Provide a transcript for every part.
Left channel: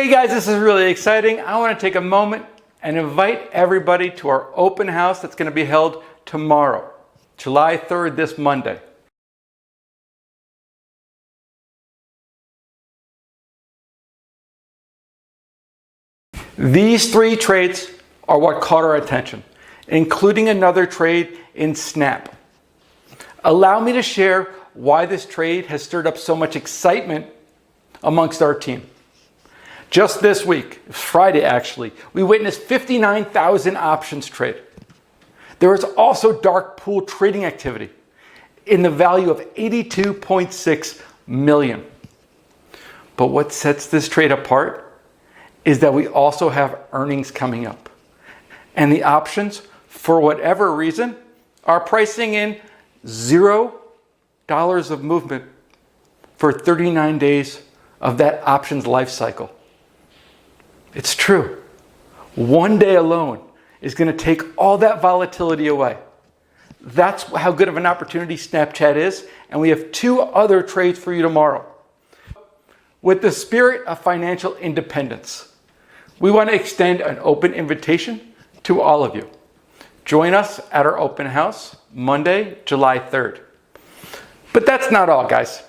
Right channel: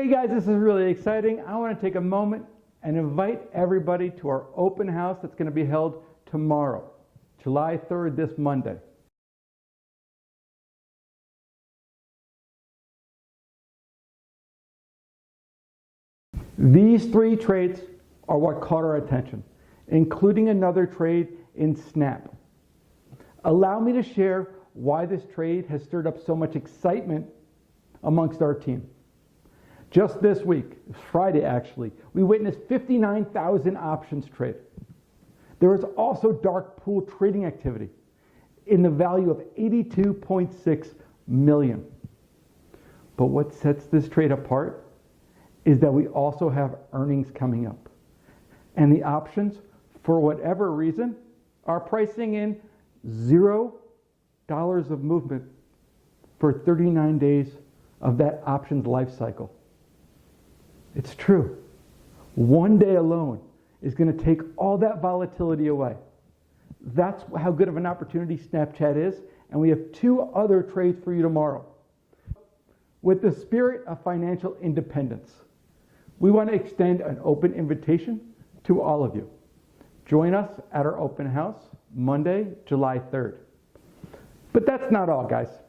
Hey guys, this is really exciting. I want to take a moment and invite everybody to our open house that's going to be held tomorrow, July 3rd, this Monday. These three trades are what caught our attention, including another trade in Snap. Allow me to share why this trade has stirred up so much excitement amongst our team. Just this week, Friday actually, we witnessed 59,000 options trade. There was also dark pool trading activity in the value of 82.6 million. But what sets this trade apart is that we also have earnings coming up. And the options, for whatever reason, are pricing in $0 of movement for 39 days of that options life cycle. It's true. One day alone is going to take all that volatility away. That's how good of an opportunity Snapchat is, and we have two other trades for you tomorrow. With the spirit of financial independence, we want to extend an open invitation to all of you. Join us at our open house Monday, July 3rd. But that's not all, guys.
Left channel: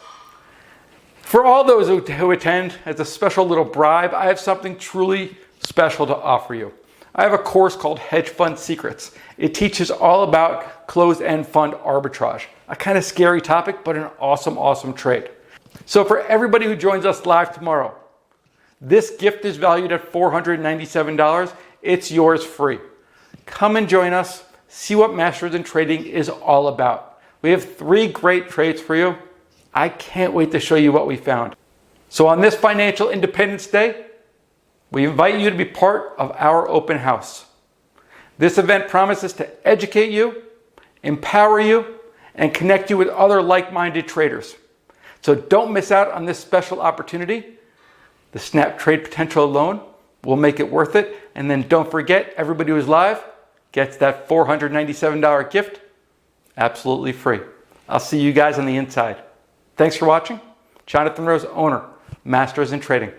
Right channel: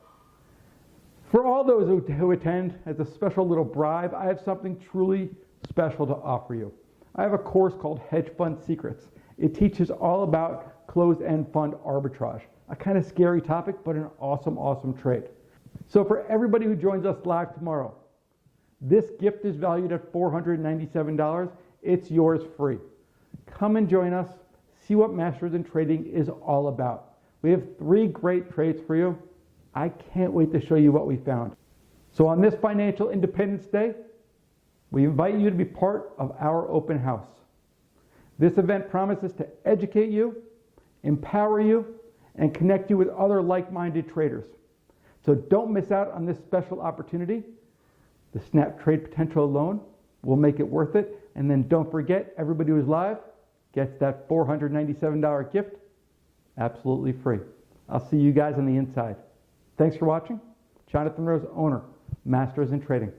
For all those who attend, as a special little bribe, I have something truly special to offer you. I have a course called Hedge Fund Secrets. It teaches all about closed-end fund arbitrage, a kind of scary topic, but an awesome, awesome trade. So for everybody who joins us live tomorrow, this gift is valued at $497. It's yours free. Come and join us. See what Masters in Trading is all about. We have 3 great trades for you. I can't wait to show you what we found. So on this Financial Independence Day, we invite you to be part of our open house. This event promises to educate you, empower you, and connect you with other like-minded traders. So don't miss out on this special opportunity. The Snap trade potential alone will make it worth it. And then don't forget, everybody who's live gets that $497 gift absolutely free. I'll see you guys on the inside. Thanks for watching. Jonathan Rose, owner, Masters in Trading.